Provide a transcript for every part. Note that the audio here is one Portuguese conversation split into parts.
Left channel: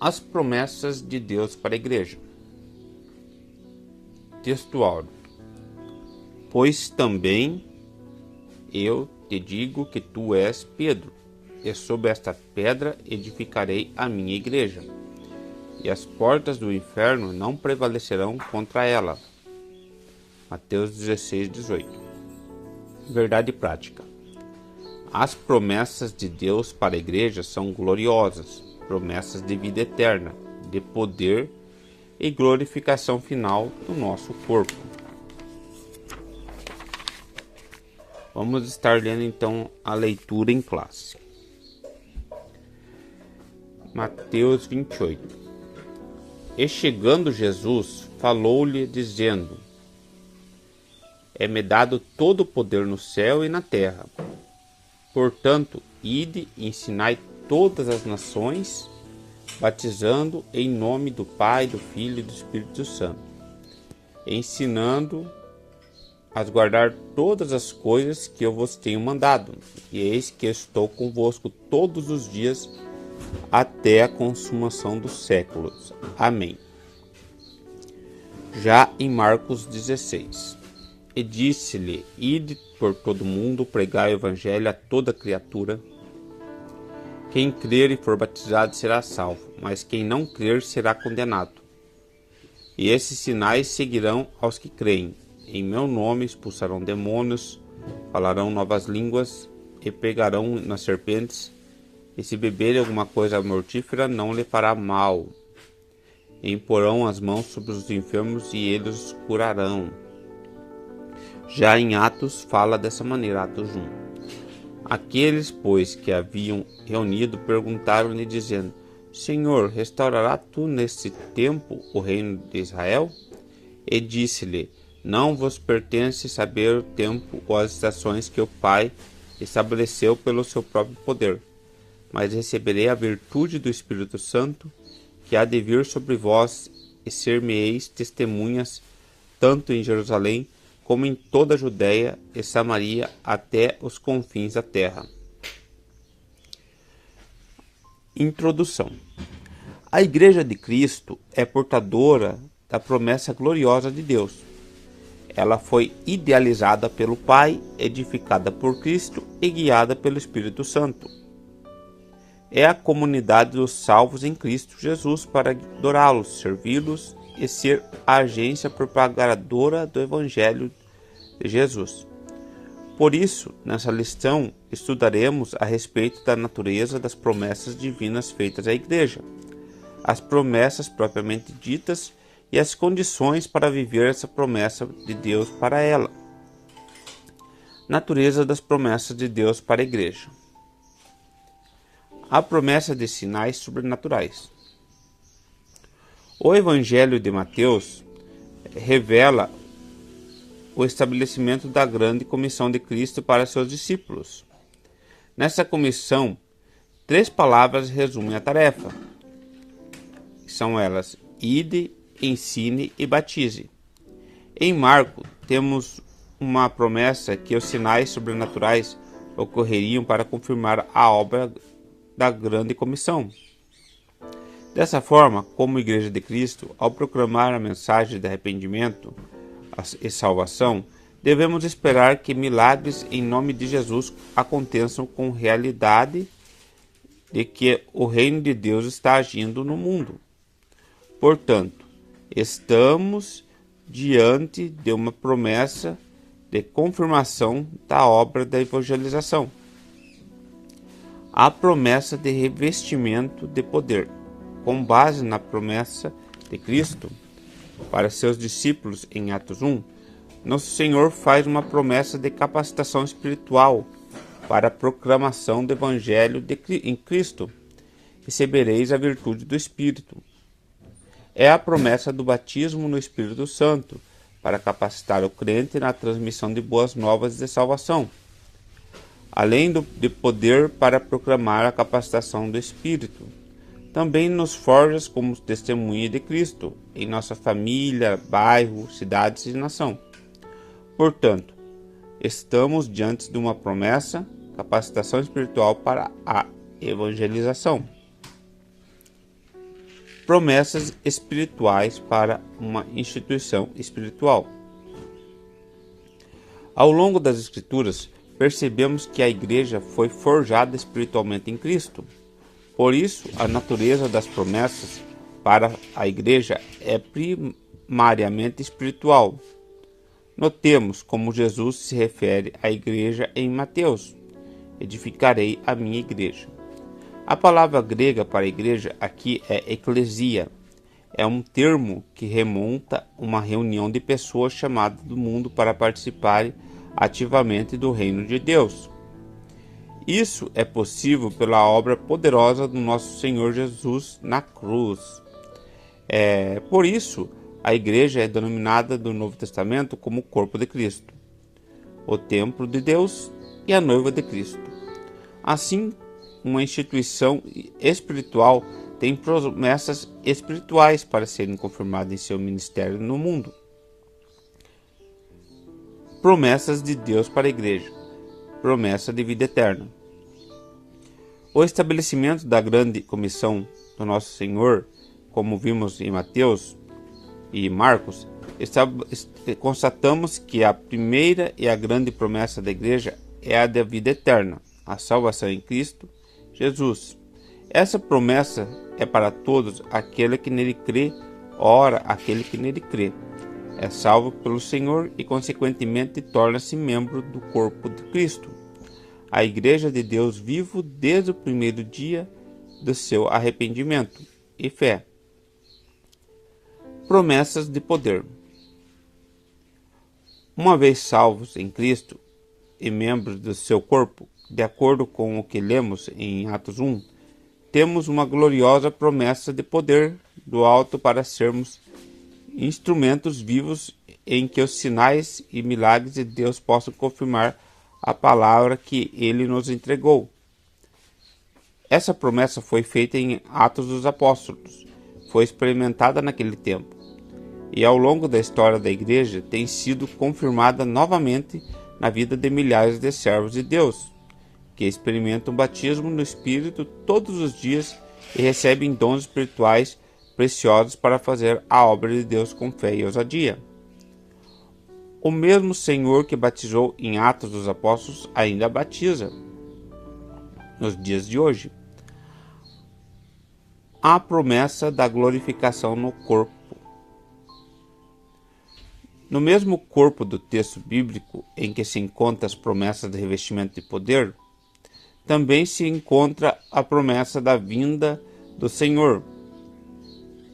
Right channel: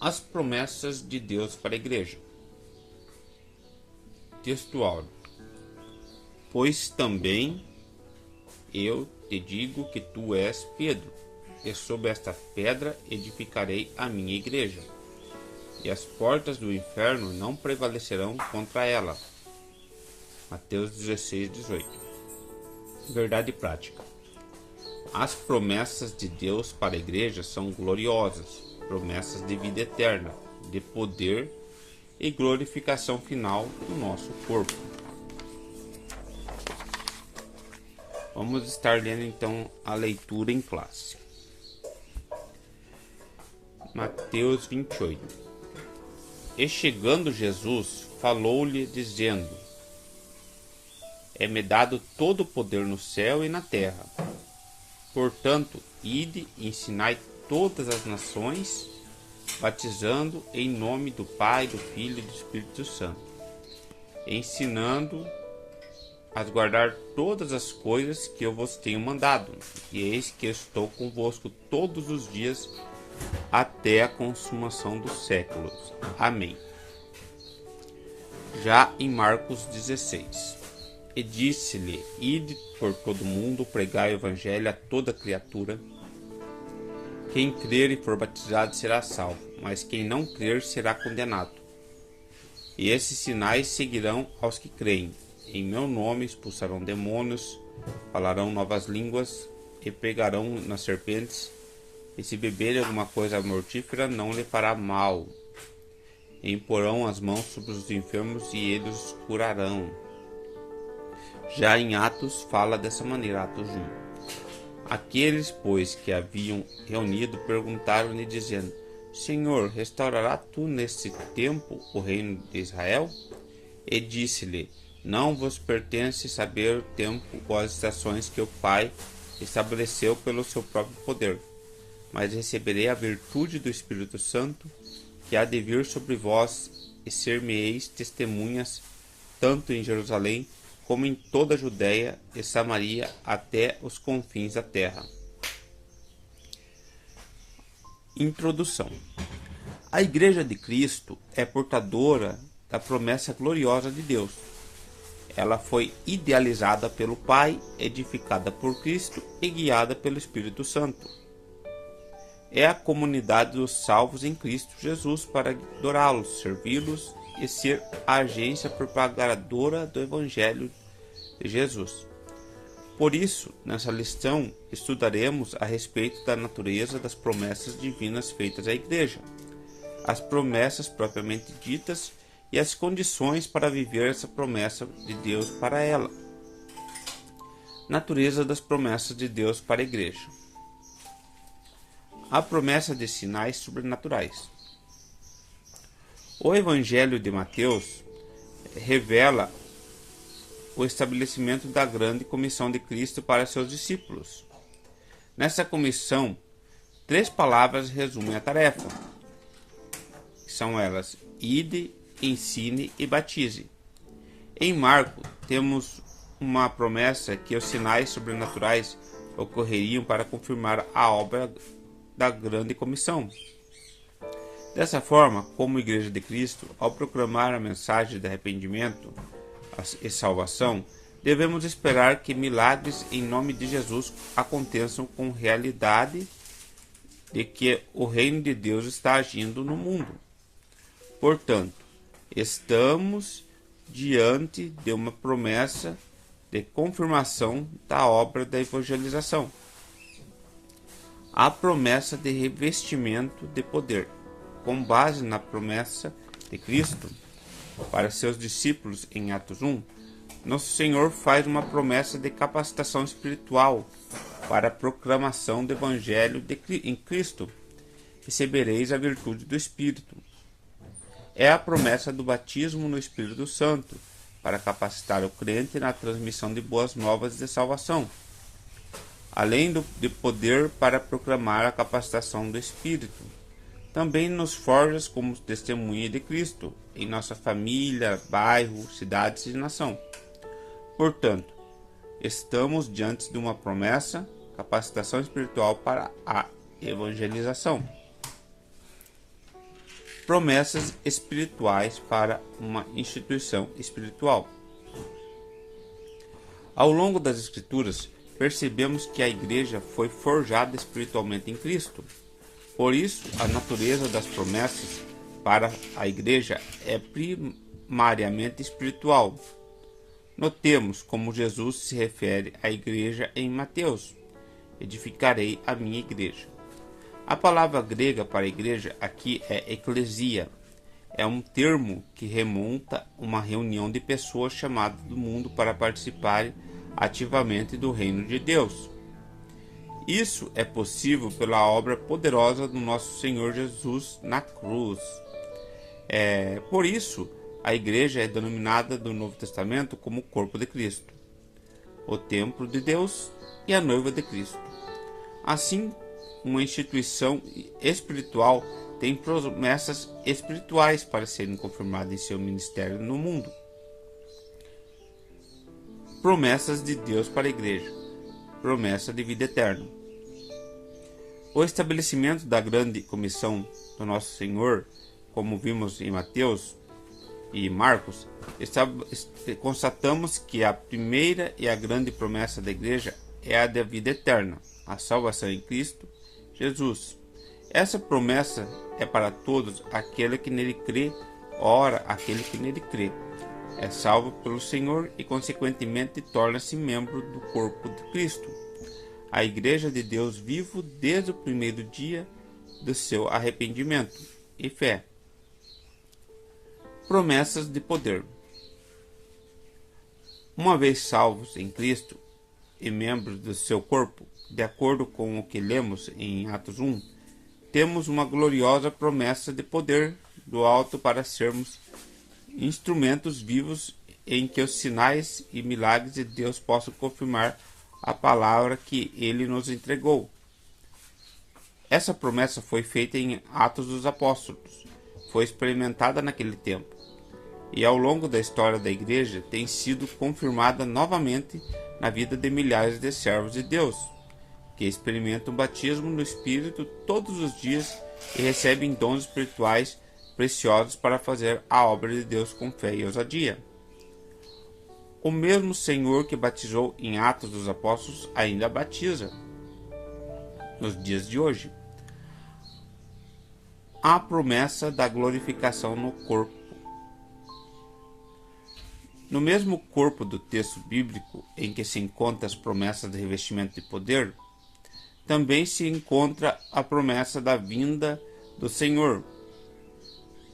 As promessas de Deus para a igreja. Texto áureo. Pois também eu te digo que tu és Pedro, e sobre esta pedra edificarei a minha igreja, e as portas do inferno não prevalecerão contra ela. Mateus 16, 18. Verdade prática. As promessas de Deus para a igreja são gloriosas, promessas de vida eterna, de poder e glorificação final do nosso corpo. Vamos estar lendo então a leitura em classe. Mateus 28. E chegando Jesus, falou-lhe dizendo: É-me dado todo o poder no céu e na terra. Portanto, ide e ensinai todas as nações, batizando em nome do Pai, do Filho e do Espírito Santo, ensinando a guardar todas as coisas que eu vos tenho mandado, e eis que estou convosco todos os dias até a consumação dos séculos. Amém. Já em Marcos 16. E disse-lhe: Ide por todo o mundo, pregai o evangelho a toda criatura. Quem crer e for batizado será salvo, mas quem não crer será condenado. E esses sinais seguirão aos que creem. Em meu nome expulsarão demônios, falarão novas línguas e pegarão nas serpentes, e se beberem alguma coisa mortífera não lhe fará mal. E imporão as mãos sobre os enfermos e eles os curarão. Já em Atos fala dessa maneira, Atos 1. Aqueles, pois, que haviam reunido, perguntaram-lhe, dizendo: Senhor, restaurará tu nesse tempo o reino de Israel? E disse-lhe: Não vos pertence saber o tempo ou as estações que o Pai estabeleceu pelo seu próprio poder, mas receberei a virtude do Espírito Santo, que há de vir sobre vós, e ser-me-eis testemunhas, tanto em Jerusalém, como em toda a Judéia e Samaria, até os confins da terra. Introdução. A Igreja de Cristo é portadora da promessa gloriosa de Deus. Ela foi idealizada pelo Pai, edificada por Cristo e guiada pelo Espírito Santo. É a comunidade dos salvos em Cristo Jesus para adorá-los, servi-los e ser a agência propagadora do Evangelho de Jesus. Por isso, nessa lição, estudaremos a respeito da natureza das promessas divinas feitas à Igreja, as promessas propriamente ditas e as condições para viver essa promessa de Deus para ela. Natureza das promessas de Deus para a Igreja. A promessa de sinais sobrenaturais. O Evangelho de Mateus revela o estabelecimento da grande comissão de Cristo para seus discípulos. Nessa comissão, 3 palavras resumem a tarefa. São elas: ide, ensine e batize. Em Marcos, temos uma promessa que os sinais sobrenaturais ocorreriam para confirmar a obra da grande comissão. Dessa forma, como Igreja de Cristo, ao proclamar a mensagem de arrependimento e salvação, devemos esperar que milagres em nome de Jesus aconteçam com realidade de que o reino de Deus está agindo no mundo. Portanto, estamos diante de uma promessa de confirmação da obra da evangelização. A promessa de revestimento de poder. Com base na promessa de Cristo para seus discípulos em Atos 1, nosso Senhor faz uma promessa de capacitação espiritual para a proclamação do Evangelho em Cristo. Recebereis a virtude do Espírito. É a promessa do batismo no Espírito Santo para capacitar o crente na transmissão de boas novas de salvação, além de poder para proclamar a capacitação do Espírito. Também nos forja como testemunha de Cristo em nossa família, bairro, cidades e nação. Portanto, estamos diante de uma promessa, capacitação espiritual para a evangelização. promessas espirituais para uma instituição espiritual. Ao longo das Escrituras, percebemos que a igreja foi forjada espiritualmente em Cristo. Por isso, a natureza das promessas para a igreja é primariamente espiritual. Notemos como Jesus se refere à igreja em Mateus: edificarei a minha igreja. A palavra grega para igreja aqui é eclesia. É um termo que remonta a uma reunião de pessoas chamadas do mundo para participarem ativamente do reino de Deus. Isso é possível pela obra poderosa do nosso Senhor Jesus na cruz. Por isso, a igreja é denominada no Novo Testamento como o corpo de Cristo, o templo de Deus e a noiva de Cristo. Assim, uma instituição espiritual tem promessas espirituais para serem confirmadas em seu ministério no mundo. Promessas de Deus para a igreja. Promessa de vida eterna. O estabelecimento da grande comissão do nosso Senhor, como vimos em Mateus e Marcos, constatamos que a primeira e a grande promessa da igreja é a da vida eterna, a salvação em Cristo Jesus. Essa promessa é para todos aquele que nele crê. Ora, aquele que nele crê é salvo pelo Senhor e, consequentemente, torna-se membro do corpo de Cristo, a igreja de Deus vivo desde o primeiro dia do seu arrependimento e fé. Promessas de poder. Uma vez salvos em Cristo e membros do seu corpo, de acordo com o que lemos em Atos 1, temos uma gloriosa promessa de poder do alto para sermos instrumentos vivos em que os sinais e milagres de Deus possam confirmar a palavra que ele nos entregou. Essa promessa foi feita em Atos dos Apóstolos, foi experimentada naquele tempo, e ao longo da história da igreja tem sido confirmada novamente na vida de milhares de servos de Deus, que experimentam o batismo no Espírito todos os dias e recebem dons espirituais preciosos para fazer a obra de Deus com fé e ousadia. O mesmo Senhor que batizou em Atos dos Apóstolos ainda batiza nos dias de hoje. A promessa da glorificação no corpo. No mesmo corpo do texto bíblico em que se encontram as promessas de revestimento de poder, também se encontra a promessa da vinda do Senhor.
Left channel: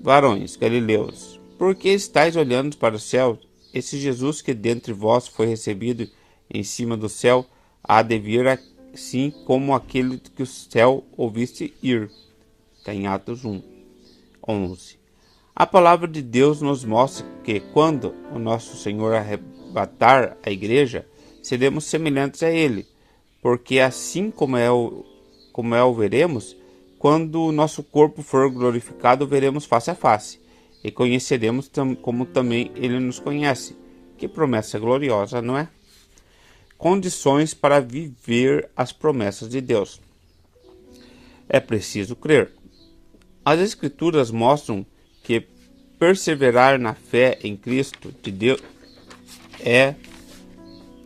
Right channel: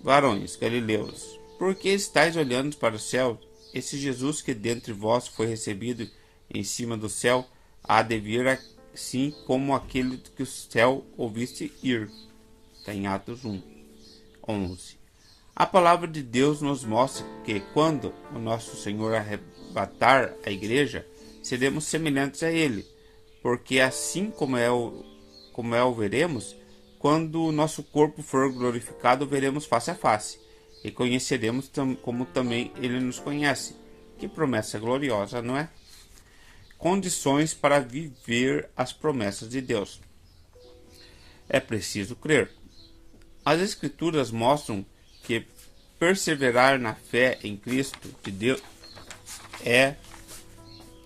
Varões galileus, por que estáis olhando para o céu? Esse Jesus que dentre vós foi recebido em cima do céu há de vir assim como aquele que o céu ouviste ir. Está em Atos 1, 11. A palavra de Deus nos mostra que quando o nosso Senhor arrebatar a igreja, seremos semelhantes a ele, porque assim como o veremos, quando o nosso corpo for glorificado, veremos face a face, e conheceremos como também ele nos conhece. Que promessa gloriosa, não é? Condições para viver as promessas de Deus. É preciso crer. As Escrituras mostram que perseverar na fé em Cristo de Deus é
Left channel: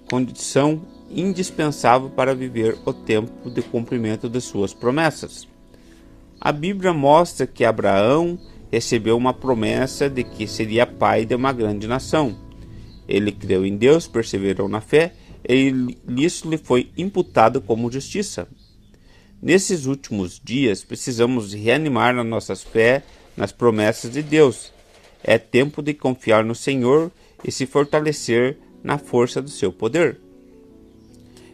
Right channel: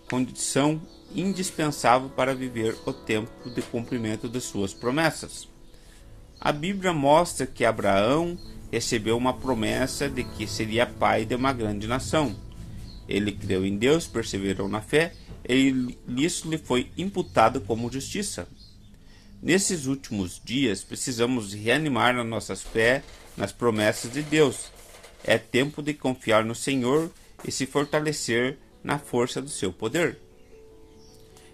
condição indispensável para viver o tempo de cumprimento de suas promessas. A Bíblia mostra que Abraão recebeu uma promessa de que seria pai de uma grande nação. Ele creu em Deus, perseverou na fé e isso lhe foi imputado como justiça. Nesses últimos dias, precisamos reanimar a nossa fé nas promessas de Deus. É tempo de confiar no Senhor e se fortalecer na força do seu poder.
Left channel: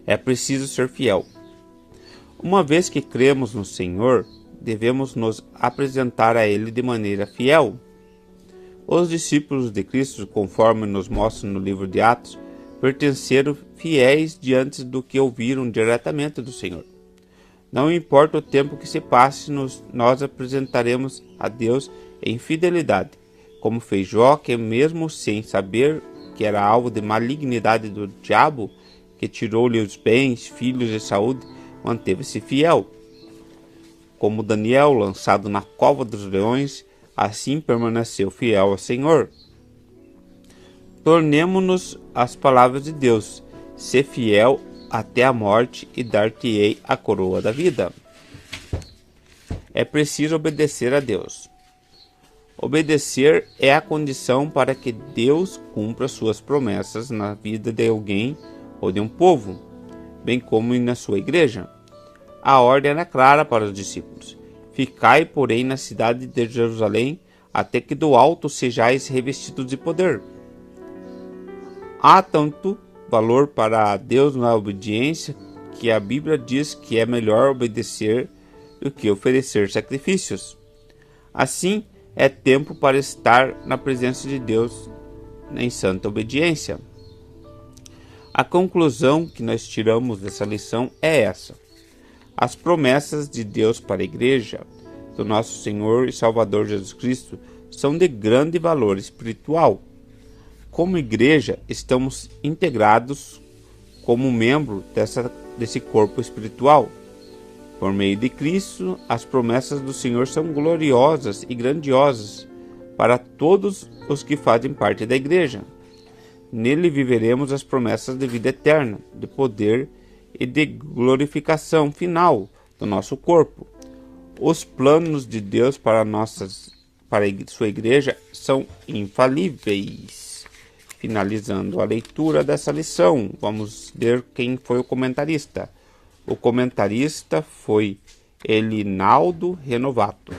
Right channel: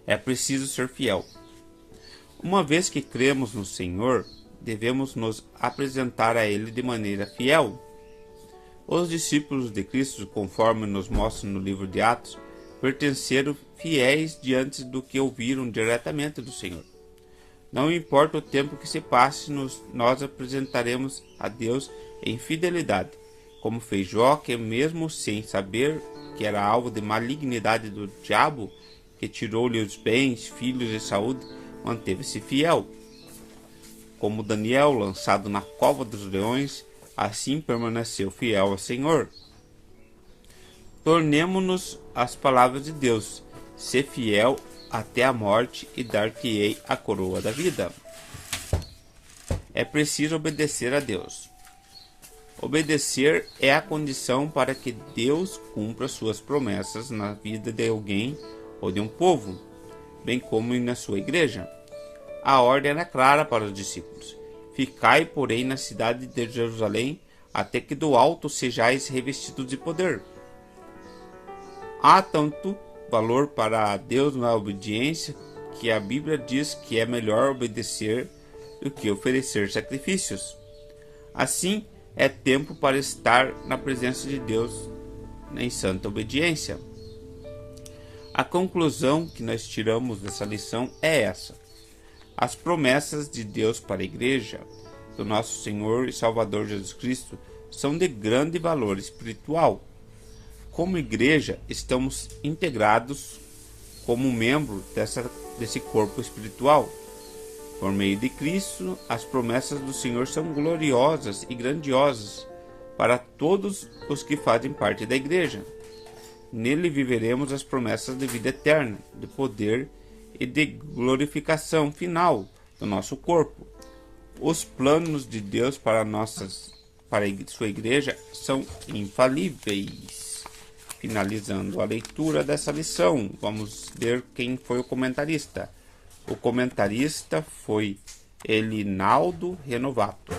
É preciso ser fiel. Uma vez que cremos no Senhor, devemos nos apresentar a Ele de maneira fiel. Os discípulos de Cristo, conforme nos mostra no livro de Atos, pertenceram fiéis diante do que ouviram diretamente do Senhor. Não importa o tempo que se passe, nós apresentaremos a Deus em fidelidade, como fez Jó, que mesmo sem saber que era alvo de malignidade do diabo, que tirou-lhe os bens, filhos e saúde, manteve-se fiel. Como Daniel, lançado na cova dos leões, assim permaneceu fiel ao Senhor. Tornemo-nos às palavras de Deus: ser fiel até a morte e dar-te-ei a coroa da vida. É preciso obedecer a Deus. Obedecer é a condição para que Deus cumpra suas promessas na vida de alguém ou de um povo, bem como na sua igreja. A ordem era clara para os discípulos: ficai, porém, na cidade de Jerusalém, até que do alto sejais revestidos de poder. Há tanto valor para Deus na obediência que a Bíblia diz que é melhor obedecer do que oferecer sacrifícios. Assim, é tempo para estar na presença de Deus em santa obediência. A conclusão que nós tiramos dessa lição é essa: as promessas de Deus para a Igreja do nosso Senhor e Salvador Jesus Cristo são de grande valor espiritual. Como igreja, estamos integrados como membro desse corpo espiritual. Por meio de Cristo, as promessas do Senhor são gloriosas e grandiosas para todos os que fazem parte da igreja. Nele viveremos as promessas de vida eterna, de poder e de glorificação final do nosso corpo. Os planos de Deus para sua igreja são infalíveis. Finalizando a leitura dessa lição, vamos ver quem foi o comentarista. O comentarista foi Elinaldo Renovato.